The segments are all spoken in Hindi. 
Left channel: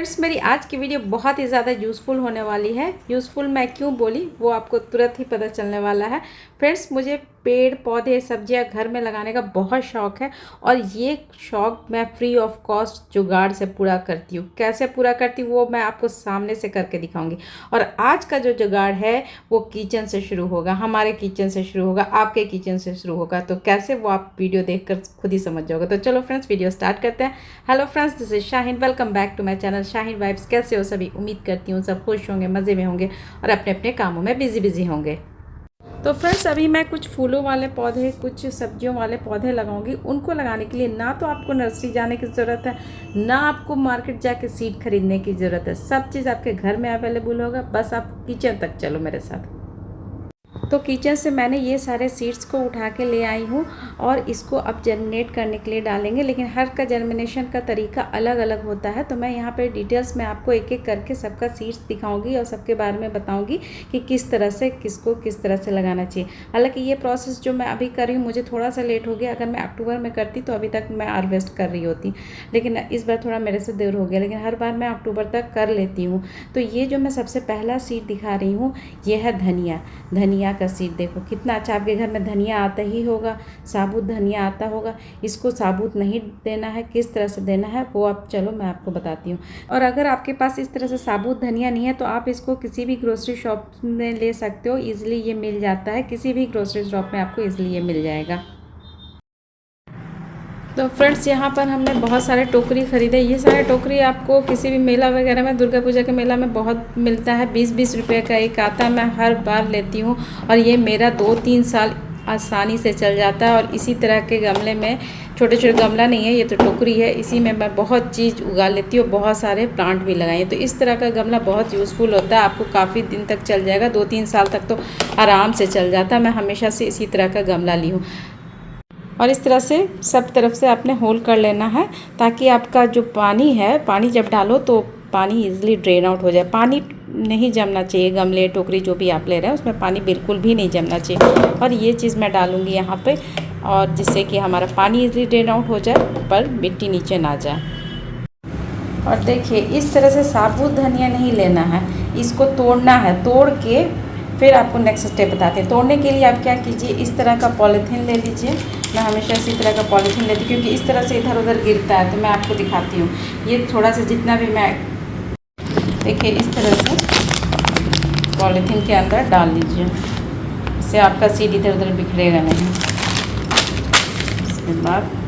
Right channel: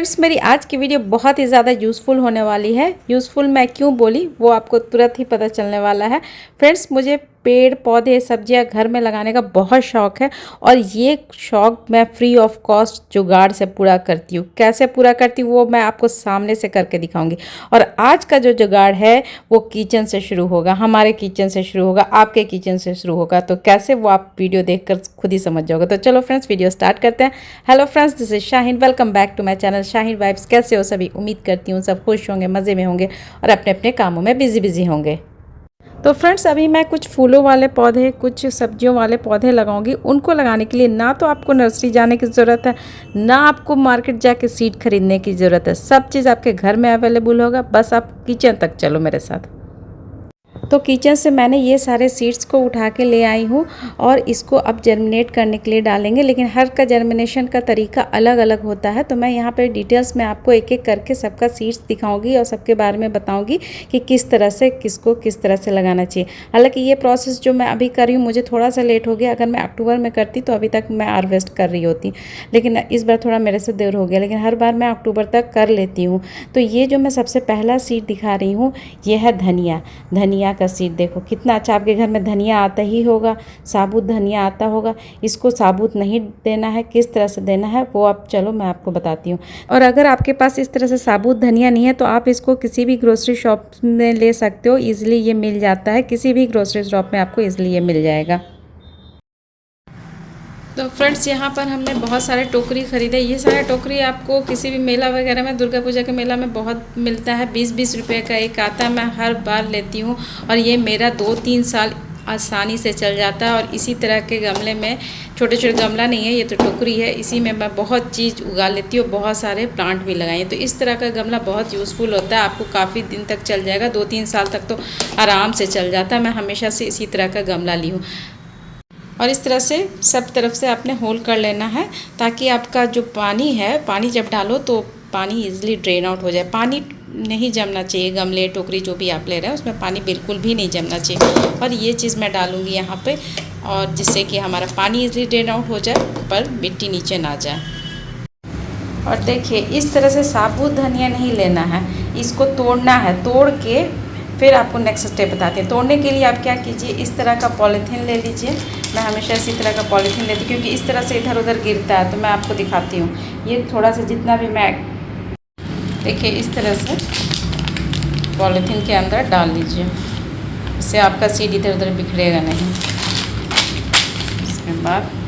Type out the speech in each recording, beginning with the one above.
फ्रेंड्स, मेरी आज की वीडियो बहुत ही ज़्यादा यूज़फुल होने वाली है। यूज़फुल मैं क्यों बोली वो आपको तुरंत ही पता चलने वाला है। फ्रेंड्स, मुझे पेड़ पौधे सब्जियां घर में लगाने का बहुत शौक़ है और ये शौक़ मैं फ्री ऑफ कॉस्ट जुगाड़ से पूरा करती हूँ। कैसे पूरा करती हूँ वो मैं आपको सामने से करके दिखाऊंगी। और आज का जो जुगाड़ है वो किचन से शुरू होगा, हमारे किचन से शुरू होगा, आपके किचन से शुरू होगा। तो कैसे वो आप वीडियो देखकर खुद ही समझ जाओगे। तो चलो फ्रेंड्स, वीडियो स्टार्ट करते हैं। Hello friends, this is Shaheen. Welcome back to my channel Shaheen vibes. कैसे हो सभी? उम्मीद करती हूँ सब खुश होंगे, मज़े में होंगे और अपने अपने कामों में बिजी होंगे। तो फ्रेंड्स, अभी मैं कुछ फूलों वाले पौधे, कुछ सब्जियों वाले पौधे लगाऊंगी। उनको लगाने के लिए ना तो आपको नर्सरी जाने की ज़रूरत है, ना आपको मार्केट जाके सीड खरीदने की ज़रूरत है। सब चीज़ आपके घर में अवेलेबल होगा। बस आप किचन तक चलो मेरे साथ। तो किचन से मैंने ये सारे सीड्स को उठा के ले आई हूँ और इसको अब जर्मिनेट करने के लिए डालेंगे। लेकिन हर का जर्मिनेशन का तरीका अलग अलग होता है। तो मैं यहाँ पे डिटेल्स में आपको एक एक करके सबका सीड्स दिखाऊंगी और सबके बारे में बताऊंगी कि किस तरह से किसको किस तरह से लगाना चाहिए। हालांकि ये प्रोसेस जो मैं अभी कर रही हूँ मुझे थोड़ा सा लेट हो गया। अगर मैं अक्टूबर में करती तो अभी तक मैं हार्वेस्ट कर रही होती, लेकिन इस बार थोड़ा मेरे से देर हो गया। लेकिन हर बार मैं अक्टूबर तक कर लेती हूँ। तो ये जो मैं सबसे पहला सीड दिखा रही हूँ ये है धनिया। धनिया का सीड देखो कितना अच्छा। आपके घर में धनिया आता ही होगा, साबुत धनिया आता होगा। इसको साबुत नहीं देना है, किस तरह से देना है वो अब चलो मैं आपको बताती हूँ। और अगर आपके पास इस तरह से साबुत धनिया नहीं है तो आप इसको किसी भी ग्रोसरी शॉप में ले सकते हो। ईजिली ये मिल जाता है, किसी भी ग्रोसरी शॉप में आपको ईजिली ये मिल जाएगा। तो फ्रेंड्स, यहाँ पर हमने बहुत सारे टोकरी ख़रीदे। ये सारे टोकरी आपको किसी भी मेला वगैरह में, दुर्गा पूजा के मेला में बहुत मिलता है। 20-20 रुपये का एक आता है। मैं हर बार लेती हूँ और ये मेरा 2-3 साल आसानी से चल जाता है। और इसी तरह के गमले में, छोटे छोटे गमला नहीं है, ये तो टोकरी है, इसी में मैं बहुत चीज़ उगा लेती हूँ। बहुत सारे प्लांट भी लगाए। तो इस तरह का गमला बहुत यूज़फुल होता है, आपको काफ़ी दिन तक चल जाएगा। 2-3 साल तक तो आराम से चल जाता है। मैं हमेशा से इसी तरह का गमला ली हूँ। और इस तरह से सब तरफ से आपने होल कर लेना है ताकि आपका जो पानी है, पानी जब डालो तो पानी इजीली ड्रेन आउट हो जाए। पानी नहीं जमना चाहिए, गमले टोकरी जो भी आप ले रहे हैं उसमें पानी बिल्कुल भी नहीं जमना चाहिए। और ये चीज़ मैं डालूँगी यहाँ पे, और जिससे कि हमारा पानी इजीली ड्रेन आउट हो जाए पर मिट्टी नीचे ना जाए। और देखिए इस तरह से साबुत धनिया नहीं लेना है, इसको तोड़ना है। तोड़ के फिर आपको नेक्स्ट स्टेप बताते हैं। तोड़ने के लिए आप क्या कीजिए, इस तरह का पॉलीथीन ले लीजिए। मैं हमेशा इसी तरह का पॉलीथीन लेती हूँ क्योंकि इस तरह से इधर उधर गिरता है। तो मैं आपको दिखाती हूँ। ये थोड़ा सा जितना भी मैं, देखिए इस तरह से पॉलीथीन के अंदर डाल लीजिए। इससे आपका सीड इधर उधर बिखरेगा नहीं। इसके बाद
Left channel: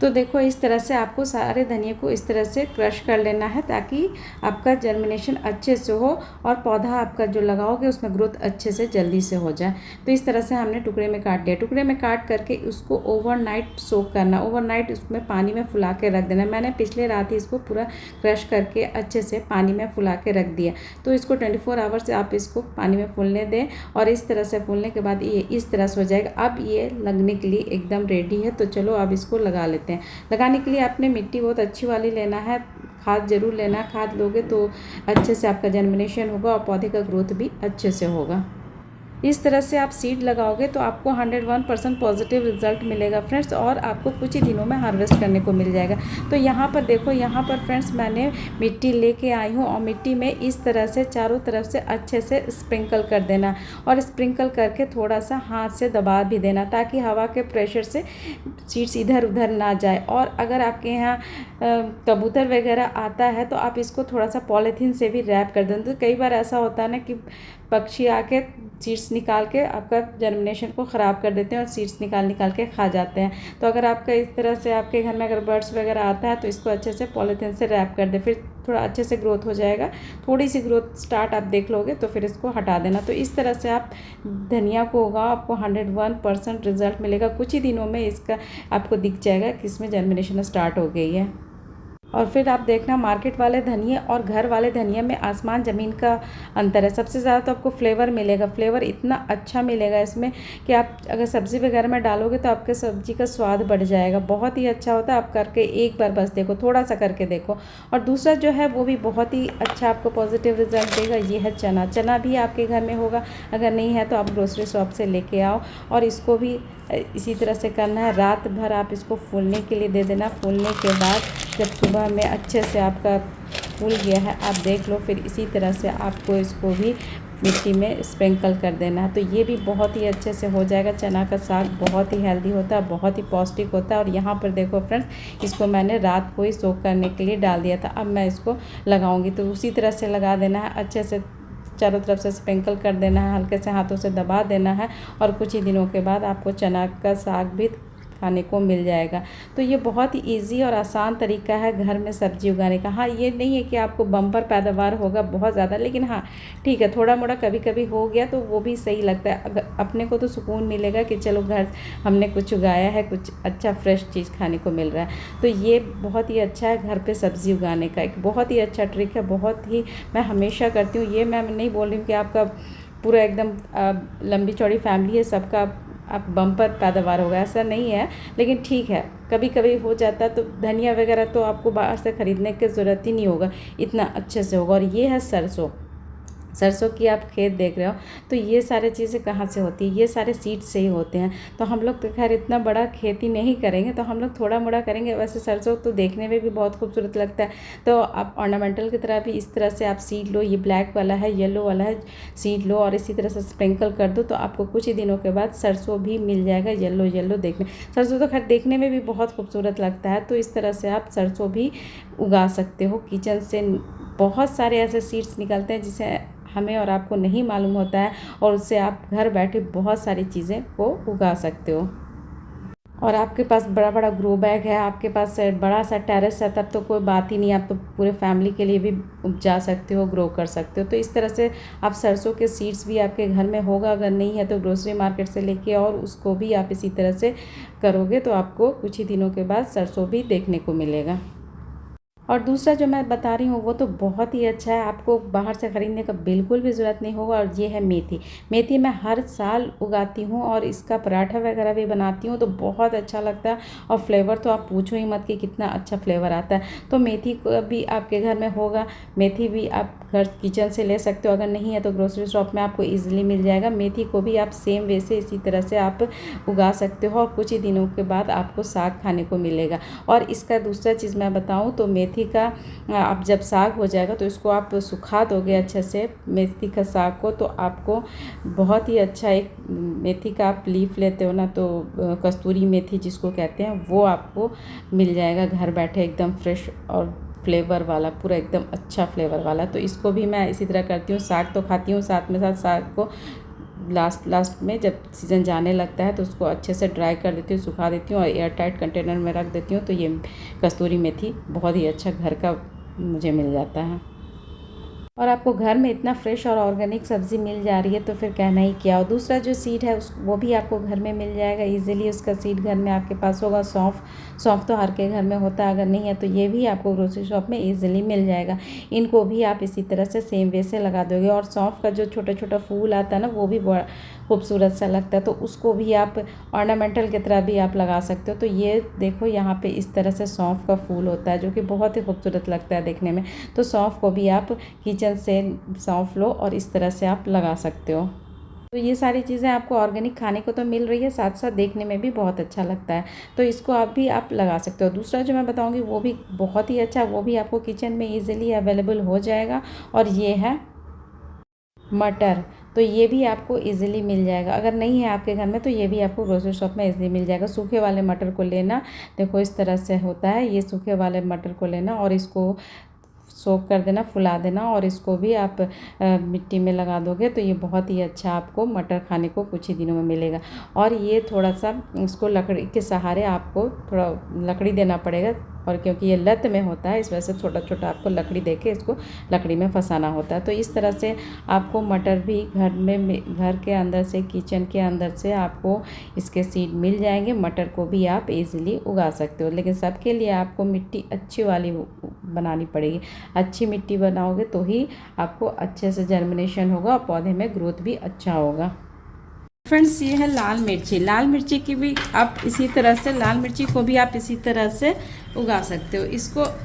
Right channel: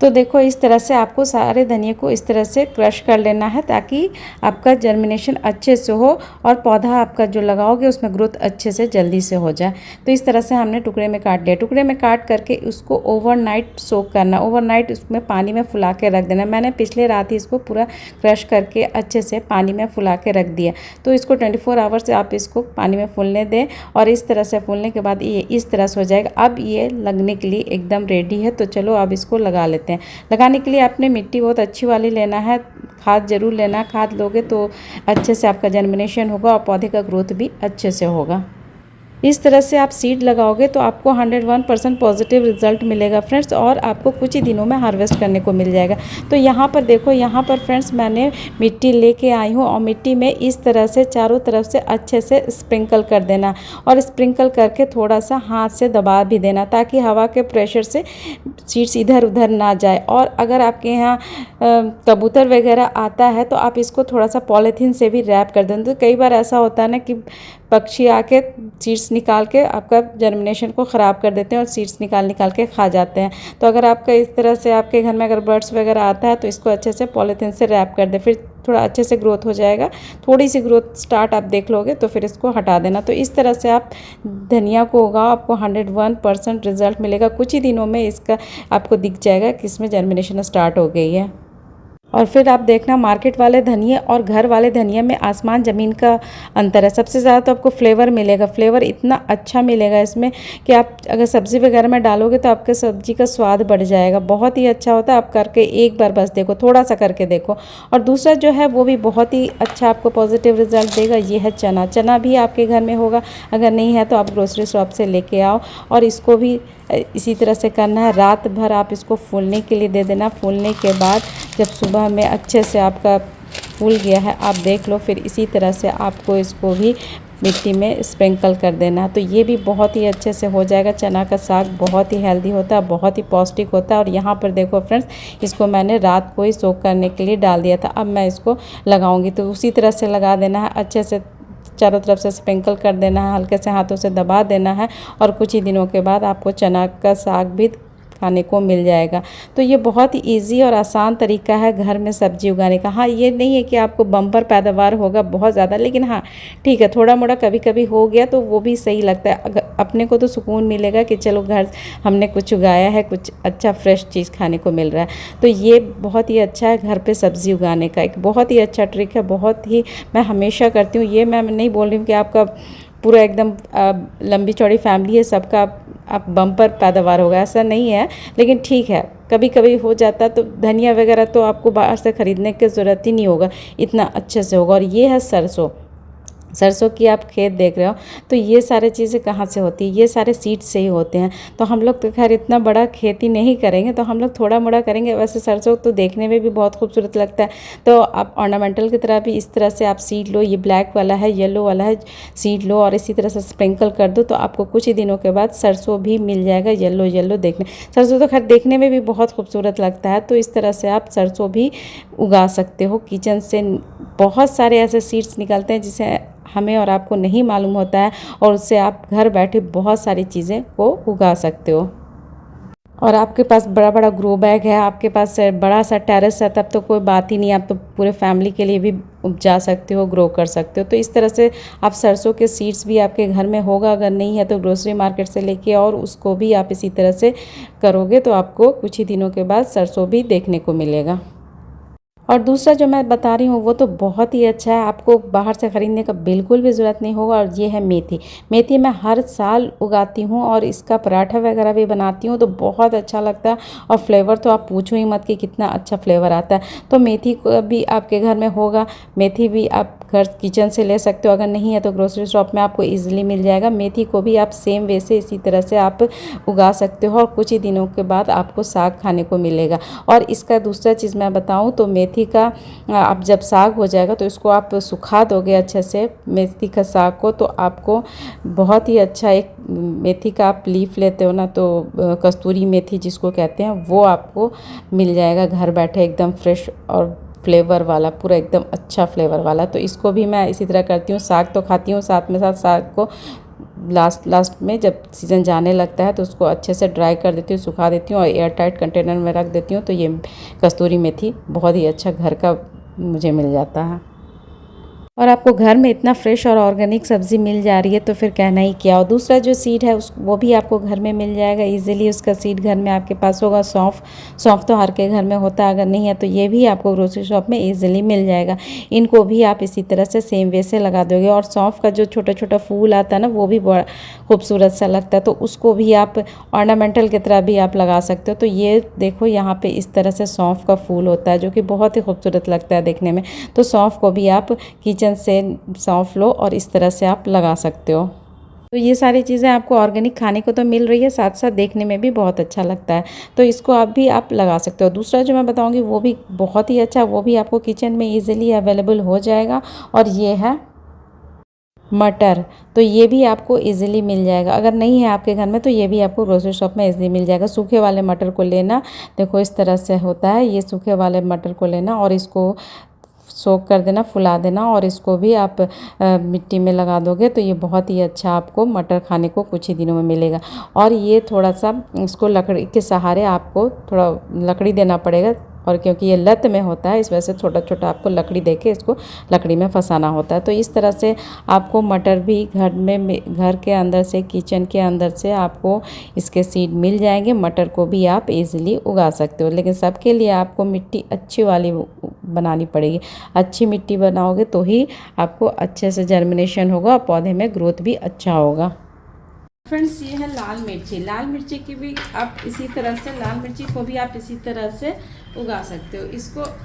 तो देखो इस तरह से आपको सारे धनिया को इस तरह से क्रश कर लेना है ताकि आपका जर्मिनेशन अच्छे से हो और पौधा आपका जो लगाओगे उसमें ग्रोथ अच्छे से जल्दी से हो जाए। तो इस तरह से हमने टुकड़े में काट लिया। टुकड़े में काट करके उसको ओवरनाइट सोक करना। ओवरनाइट उसमें पानी में फुला के रख देना। मैंने पिछले रात ही इसको पूरा क्रश करके अच्छे से पानी में फुला के रख दिया। तो इसको 24 आवर्स आप इसको पानी में फूलने दें और इस तरह से फूलने के बाद ये इस तरह से हो जाएगा। अब ये लगने के लिए एकदम रेडी है। तो चलो अब इसको लगा लेते हैं। लगाने के लिए आपने मिट्टी बहुत अच्छी वाली लेना है, खाद जरूर लेना। खाद लोगे तो अच्छे से आपका जर्मिनेशन होगा और पौधे का ग्रोथ भी अच्छे से होगा। इस तरह से आप सीड लगाओगे तो आपको 101% पॉजिटिव रिजल्ट मिलेगा फ्रेंड्स, और आपको कुछ ही दिनों में हार्वेस्ट करने को मिल जाएगा। तो यहाँ पर देखो, यहाँ पर फ्रेंड्स मैंने मिट्टी लेके आई हूँ और मिट्टी में इस तरह से चारों तरफ से अच्छे से स्प्रिंकल कर देना और स्प्रिंकल करके थोड़ा सा हाथ से दबा भी देना ताकि हवा के प्रेशर से सीड्स इधर उधर ना जाए। और अगर आपके यहाँ कबूतर वगैरह आता है तो आप इसको थोड़ा सा पॉलीथीन से भी रैप कर दें। तो कई बार ऐसा होता है ना कि पक्षी आके सीड्स निकाल के आपका जर्मिनेशन को ख़राब कर देते हैं और सीड्स निकाल के खा जाते हैं। तो अगर आपका इस तरह से आपके घर में अगर बर्ड्स वगैरह आता है तो इसको अच्छे से पॉलीथीन से रैप कर दे, फिर थोड़ा अच्छे से ग्रोथ हो जाएगा। थोड़ी सी ग्रोथ स्टार्ट आप देख लोगे तो फिर इसको हटा देना। तो इस तरह से आप धनिया को उगाओ, आपको 101% रिजल्ट मिलेगा। कुछ ही दिनों में इसका आपको दिख जाएगा कि इसमें जर्मिनेशन स्टार्ट हो गई है। और फिर आप देखना मार्केट वाले धनिया और घर वाले धनिया में आसमान ज़मीन का अंतर है। सबसे ज़्यादा तो आपको फ्लेवर मिलेगा। फ्लेवर इतना अच्छा मिलेगा इसमें कि आप अगर सब्ज़ी वगैरह में डालोगे तो आपके सब्ज़ी का स्वाद बढ़ जाएगा। बहुत ही अच्छा होता है। आप करके एक बार बस देखो, थोड़ा सा करके देखो। और दूसरा जो है वो भी बहुत ही अच्छा आपको पॉजिटिव रिजल्ट देगा। ये है चना। चना भी आपके घर में होगा, अगर नहीं है तो आप ग्रोसरी शॉप से लेके आओ और इसको भी इसी तरह से करना है। रात भर आप इसको फूलने के लिए दे देना। फूलने के बाद जब सुबह में अच्छे से आपका फूल गया है, आप देख लो, फिर इसी तरह से आपको इसको भी मिट्टी में स्प्रिंकल कर देना है। तो ये भी बहुत ही अच्छे से हो जाएगा। चना का साग बहुत ही हेल्दी होता है, बहुत ही पौष्टिक होता है। और यहाँ पर देखो फ्रेंड्स, इसको मैंने रात को ही सोक करने के लिए डाल दिया था। अब मैं इसको लगाऊंगी, तो उसी तरह से लगा देना है। अच्छे से चारों तरफ से स्प्रिंकल कर देना है, हल्के से हाथों से दबा देना है। और कुछ ही दिनों के बाद आपको चना का साग भी खाने को मिल जाएगा। तो ये बहुत ही ईजी और आसान तरीका है घर में सब्जी उगाने का। हाँ, ये नहीं है कि आपको बम्पर पैदावार होगा बहुत ज़्यादा, लेकिन हाँ ठीक है, थोड़ा मोड़ा कभी कभी हो गया तो वो भी सही लगता है। अगर अपने को तो सुकून मिलेगा कि चलो घर हमने कुछ उगाया है, कुछ अच्छा फ्रेश चीज़ खाने को मिल रहा है। तो ये बहुत ही अच्छा है घर पर सब्ज़ी उगाने का, एक बहुत ही अच्छा ट्रिक है। बहुत ही मैं हमेशा करती हूँ ये। मैं नहीं बोल रही हूँ कि आपका पूरा एकदम लंबी चौड़ी फैमिली है, सबका आप बम्पर पैदावार होगा, ऐसा नहीं है। लेकिन ठीक है, कभी कभी हो जाता है। तो धनिया वगैरह तो आपको बाहर से ख़रीदने की ज़रूरत ही नहीं होगा, इतना अच्छे से होगा। और ये है सरसों। सरसों की आप खेत देख रहे हो, तो ये सारे चीज़ें कहाँ से होती है? ये सारे सीड्स से ही होते हैं। तो हम लोग तो खैर इतना बड़ा खेती नहीं करेंगे, तो हम लोग थोड़ा मोड़ा करेंगे। वैसे सरसों तो देखने में भी बहुत खूबसूरत लगता है। तो आप ऑर्नामेंटल की तरह भी इस तरह से आप सीड लो। ये ब्लैक वाला है, येलो वाला है, सीड लो और इसी तरह से स्प्रिंकल कर दो, तो आपको कुछ ही दिनों के बाद सरसों भी मिल जाएगा। येलो येलो देखने, सरसों तो खैर देखने में भी बहुत खूबसूरत लगता है। तो इस तरह से आप सरसों भी उगा सकते हो। किचन से बहुत सारे ऐसे सीड्स निकलते हैं जिसे हमें और आपको नहीं मालूम होता है, और उससे आप घर बैठे बहुत सारी चीज़ें को उगा सकते हो। और आपके पास बड़ा बड़ा ग्रो बैग है, आपके पास बड़ा सा टेरेस है, तब तो कोई बात ही नहीं। आप तो पूरे फैमिली के लिए भी उपजा सकते हो, ग्रो कर सकते हो। तो इस तरह से आप सरसों के सीड्स भी आपके घर में होगा, अगर नहीं है तो ग्रोसरी मार्केट से लेके, और उसको भी आप इसी तरह से करोगे तो आपको कुछ ही दिनों के बाद सरसों भी देखने को मिलेगा। और दूसरा जो मैं बता रही हूँ वो तो बहुत ही अच्छा है, आपको बाहर से ख़रीदने का बिल्कुल भी ज़रूरत नहीं होगा। और ये है मेथी। मेथी मैं हर साल उगाती हूँ और इसका पराठा वगैरह भी बनाती हूँ, तो बहुत अच्छा लगता है। और फ्लेवर तो आप पूछो ही मत कि कितना अच्छा फ्लेवर आता है। तो मेथी को भी आपके घर में होगा, मेथी भी आप घर किचन से ले सकते हो। अगर नहीं है तो ग्रोसरी शॉप में आपको ईजिली मिल जाएगा। मेथी को भी आप सेम वे से इसी तरह से आप उगा सकते हो, और कुछ ही दिनों के बाद आपको साग खाने को मिलेगा। और इसका दूसरा चीज़ मैं बताऊँ तो मेथी का आप जब साग हो जाएगा तो इसको आप सुखा दोगे अच्छे से, मेथी का साग को, तो आपको बहुत ही अच्छा एक मेथी का आप लीफ लेते हो ना, तो कस्तूरी मेथी जिसको कहते हैं, वो आपको मिल जाएगा घर बैठे, एकदम फ्रेश और फ्लेवर वाला, पूरा एकदम अच्छा फ्लेवर वाला। तो इसको भी मैं इसी तरह करती हूँ। साग तो खाती हूँ, साथ में साथ साग को लास्ट में जब सीज़न जाने लगता है तो उसको अच्छे से ड्राई कर देती हूँ, सुखा देती हूँ और एयर टाइट कंटेनर में रख देती हूँ। तो ये कस्तूरी मेथी बहुत ही अच्छा घर का मुझे मिल जाता है। और आपको घर में इतना फ्रेश और ऑर्गेनिक सब्ज़ी मिल जा रही है तो फिर कहना ही क्या। और दूसरा जो सीड है वो भी आपको घर में मिल जाएगा इजीली। उसका सीड घर में आपके पास होगा। सौंफ तो हर के घर में होता है, अगर नहीं है तो ये भी आपको ग्रोसरी शॉप में इजीली मिल जाएगा। इनको भी आप इसी तरह से सेम वे से लगा दोगे। और सौंफ का जो छोटा छोटा फूल आता है ना, वो भी बड़ा खूबसूरत सा लगता है, तो उसको भी आप ऑर्नामेंटल की तरह भी आप लगा सकते हो। तो ये देखो यहाँ पे इस तरह से सौंफ का फूल होता है जो कि बहुत ही खूबसूरत लगता है देखने में। तो सौंफ को भी आप किचन से सौंफ लो और इस तरह से आप लगा सकते हो। तो ये सारी चीज़ें आपको ऑर्गेनिक खाने को तो मिल रही है, साथ साथ देखने में भी बहुत अच्छा लगता है। तो इसको आप लगा सकते हो। दूसरा जो मैं बताऊंगी वो भी बहुत ही अच्छा, वो भी आपको किचन में इजीली अवेलेबल हो जाएगा, और ये है मटर। तो ये भी आपको इजीली मिल जाएगा। अगर नहीं है आपके घर में तो ये भी आपको ग्रोसरी शॉप में इजीली मिल जाएगा। सूखे वाले मटर को लेना, देखो इस तरह से होता है। ये सूखे वाले मटर को लेना और इसको सोक कर देना, फुला देना, और इसको भी आप मिट्टी में लगा दोगे तो ये बहुत ही अच्छा आपको मटर खाने को कुछ ही दिनों में मिलेगा। और ये थोड़ा सा इसको लकड़ी के सहारे आपको थोड़ा लकड़ी देना पड़ेगा, और क्योंकि ये लत में होता है इस वजह से छोटा छोटा आपको लकड़ी देके इसको लकड़ी में फंसाना होता है। तो इस तरह से आपको मटर भी घर के अंदर से, किचन के अंदर से आपको इसके सीड मिल जाएंगे। मटर को भी आप इजीली उगा सकते हो, लेकिन सबके लिए आपको मिट्टी अच्छी वाली बनानी पड़ेगी। अच्छी मिट्टी बनाओगे तो ही आपको अच्छे से जर्मिनेशन होगा और पौधे में ग्रोथ भी अच्छा होगा। फ्रेंड्स, ये है लाल मिर्ची। लाल मिर्ची की भी आप इसी तरह से, लाल मिर्ची को भी आप इसी तरह से उगा सकते हो।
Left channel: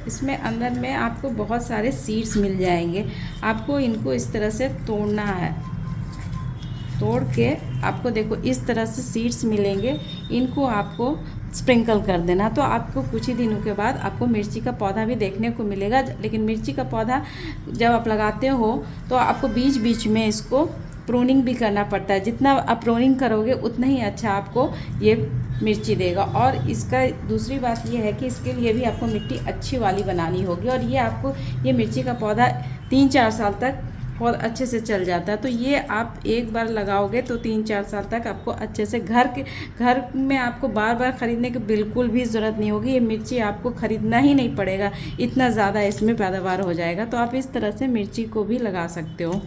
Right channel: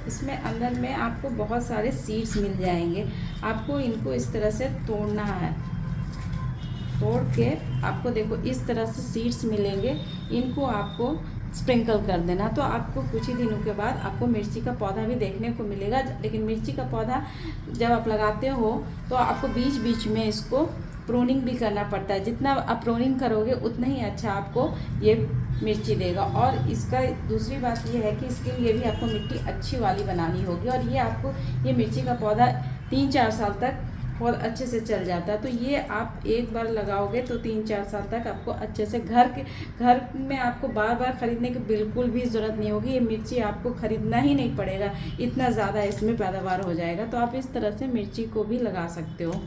इसमें अंदर में आपको बहुत सारे सीड्स मिल जाएंगे। आपको इनको इस तरह से तोड़ना है। तोड़ के आपको देखो इस तरह से सीड्स मिलेंगे, इनको आपको स्प्रिंकल कर देना। तो आपको कुछ ही दिनों के बाद आपको मिर्ची का पौधा भी देखने को मिलेगा। लेकिन मिर्ची का पौधा जब आप लगाते हो तो आपको बीच बीच में इसको प्रूनिंग भी करना पड़ता है। जितना आप प्रूनिंग करोगे उतना ही अच्छा आपको ये मिर्ची देगा। और इसका दूसरी बात ये है कि इसके लिए भी आपको मिट्टी अच्छी वाली बनानी होगी। और ये आपको ये मिर्ची का पौधा 3-4 साल तक बहुत अच्छे से चल जाता है। तो ये आप एक बार लगाओगे तो 3-4 साल तक आपको अच्छे से घर में आपको बार बार ख़रीदने की बिल्कुल भी ज़रूरत नहीं होगी। ये मिर्ची आपको ख़रीदना ही नहीं पड़ेगा, इतना ज़्यादा इसमें पैदावार हो जाएगा। तो आप इस तरह से मिर्ची को भी लगा सकते हो।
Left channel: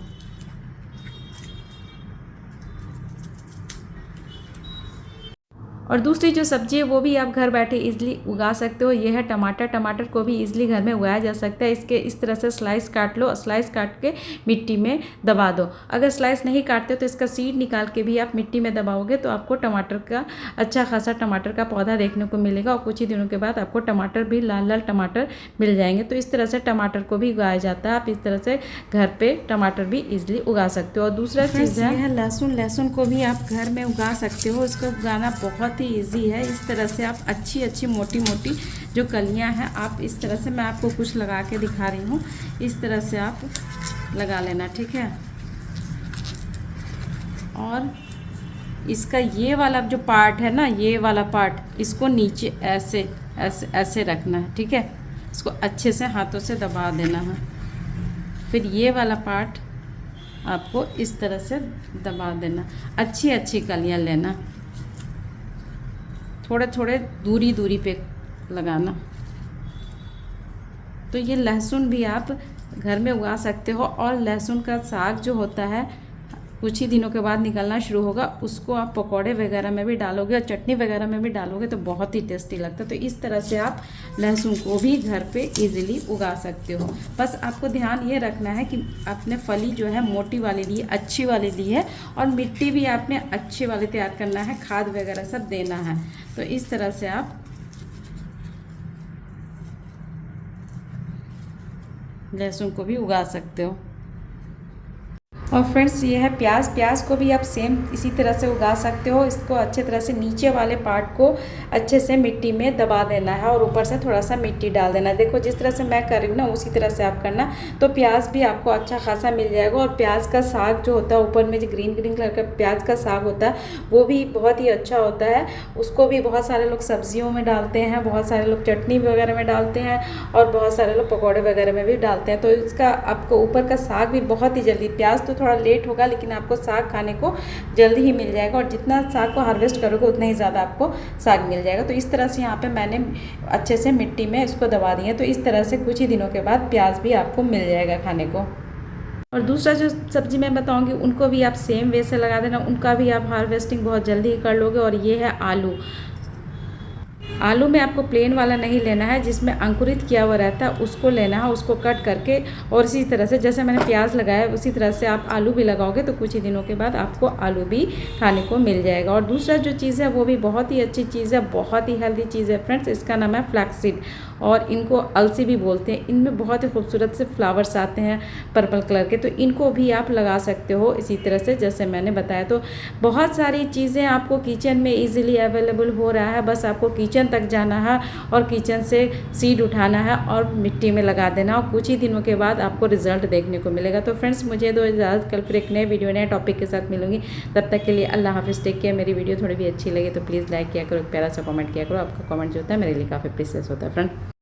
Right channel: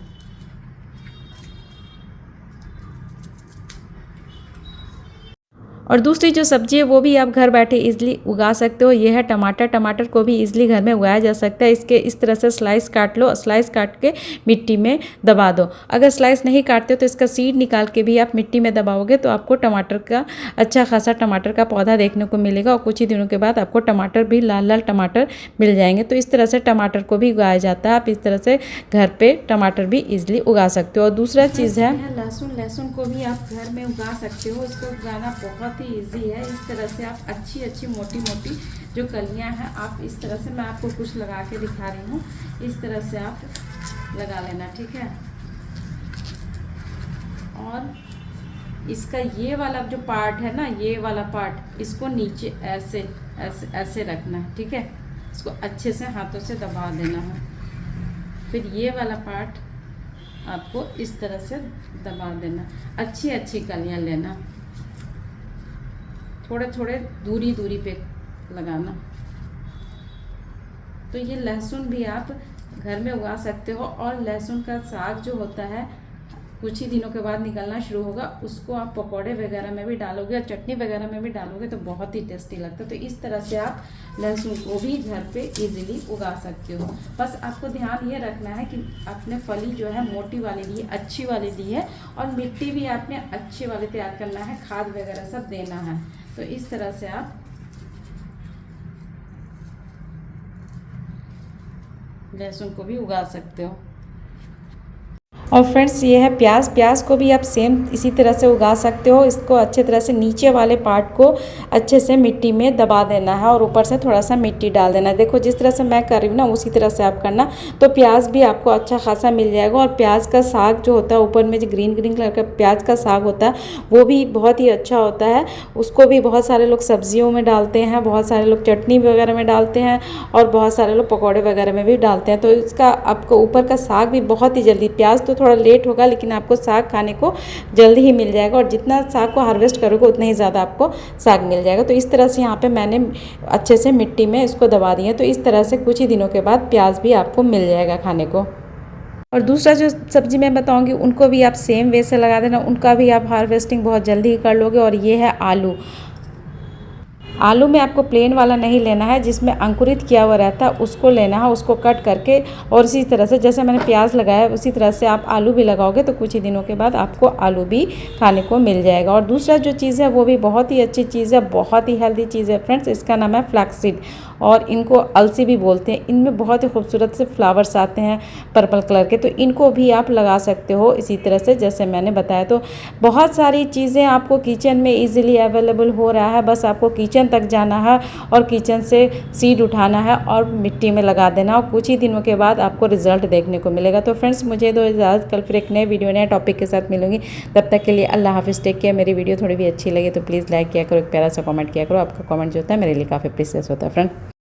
और दूसरी जो सब्ज़ी है वो भी आप घर बैठे इजीली उगा सकते हो। ये है टमाटर। टमाटर को भी इजीली घर में उगाया जा सकता है। इसके इस तरह से स्लाइस काट लो, स्लाइस काट के मिट्टी में दबा दो। अगर स्लाइस नहीं काटते हो तो इसका सीड निकाल के भी आप मिट्टी में दबाओगे तो आपको टमाटर का अच्छा खासा टमाटर का पौधा देखने को मिलेगा। और कुछ ही दिनों के बाद आपको टमाटर भी लाल लाल टमाटर मिल जाएंगे। तो इस तरह से टमाटर को भी उगाया जाता है। आप इस तरह से घर पर टमाटर भी ईजिली उगा सकते हो। और दूसरा चीज़ है लहसुन। लहसुन को भी आप घर में उगा सकते हो। इसको उगाना बहुत इजी है। इस तरह से आप अच्छी मोटी मोटी जो कलियां हैं आप इस तरह से, मैं आपको कुछ लगा के दिखा रही हूँ, इस तरह से आप लगा लेना, ठीक है। और इसका ये वाला जो पार्ट है ना, ये वाला पार्ट इसको नीचे ऐसे ऐसे ऐसे रखना है, ठीक है। इसको अच्छे से हाथों से दबा देना है। फिर ये वाला पार्ट आपको इस तरह से दबा देना। अच्छी कलियां लेना, थोड़े थोड़े दूरी पे लगाना। तो ये लहसुन भी आप घर में उगा सकते हो। और लहसुन का साग जो होता है कुछ ही दिनों के बाद निकलना शुरू होगा, उसको आप पकौड़े वगैरह में भी डालोगे और चटनी वगैरह में भी डालोगे तो बहुत ही टेस्टी लगता है। तो इस तरह से आप लहसुन को भी घर पे इजीली उगा सकते हो। बस आपको ध्यान ये रखना है कि आपने फली जो है मोटी वाली ली, अच्छी वाली ली है। और मिट्टी भी आपने अच्छी वाली तैयार करना है, खाद वगैरह सब देना है। तो इस तरह से आप लहसुन को भी उगा सकते हो। और फ्रेंड्स ये है प्याज। प्याज को भी आप सेम इसी तरह से उगा सकते हो। इसको अच्छे तरह से नीचे वाले पार्ट को अच्छे से मिट्टी में दबा देना है और ऊपर से थोड़ा सा मिट्टी डाल देना है। देखो जिस तरह से मैं कर रही हूँ ना उसी तरह से आप करना, तो प्याज भी आपको अच्छा खासा मिल जाएगा। और प्याज का साग जो होता है ऊपर में जो ग्रीन कलर का प्याज का साग होता है वो भी बहुत ही अच्छा होता है। उसको भी बहुत सारे लोग सब्जियों में डालते हैं, बहुत सारे लोग चटनी वगैरह में डालते हैं और बहुत सारे लोग पकौड़े वगैरह में भी डालते हैं। तो इसका आपको ऊपर का साग भी बहुत ही जल्दी, प्याज तो थोड़ा लेट होगा लेकिन आपको साग खाने को जल्दी ही मिल जाएगा। और जितना साग को हार्वेस्ट करोगे उतना ही ज़्यादा आपको साग मिल जाएगा। तो इस तरह से यहाँ पे मैंने अच्छे से मिट्टी में इसको दबा दिया। तो इस तरह से कुछ ही दिनों के बाद प्याज भी आपको मिल जाएगा खाने को। और दूसरा जो सब्ज़ी मैं बताऊंगी उनको भी आप सेम वे से लगा देना, उनका भी आप हार्वेस्टिंग बहुत जल्दी ही कर लोगे। और ये है आलू। आलू में आपको प्लेन वाला नहीं लेना है, जिसमें अंकुरित किया हुआ रहता है उसको लेना है, उसको कट करके। और इसी तरह से जैसे मैंने प्याज लगाया उसी तरह से आप आलू भी लगाओगे तो कुछ ही दिनों के बाद आपको आलू भी खाने को मिल जाएगा। और दूसरा जो चीज़ है वो भी बहुत ही अच्छी चीज़ है, बहुत ही हेल्दी चीज़ है फ्रेंड्स। इसका नाम है फ्लैक्सीड और इनको अलसी भी बोलते हैं। इनमें बहुत ही खूबसूरत से फ्लावर्स आते हैं पर्पल कलर के, तो इनको भी आप लगा सकते हो इसी तरह से जैसे मैंने बताया। तो बहुत सारी चीज़ें आपको किचन में इजीली अवेलेबल हो रहा है। बस आपको किचन तक जाना है और किचन से सीड उठाना है और मिट्टी में लगा देना और कुछ ही दिनों के बाद आपको रिजल्ट देखने को मिलेगा। तो फ्रेंड्स मुझे दो इजाज़त, कल फिर एक नए वीडियो नए टॉपिक के साथ मिलूंगी। तब तक के लिए अल्लाह हाफिज़, टेक केयर। मेरी वीडियो थोड़ी भी अच्छी लगे तो प्लीज़ लाइक किया करो, एक प्यारा सा कमेंट किया करो। आपका कमेंट जो होता है मेरे लिए काफ़ी प्रीशियस होता है फ्रेंड।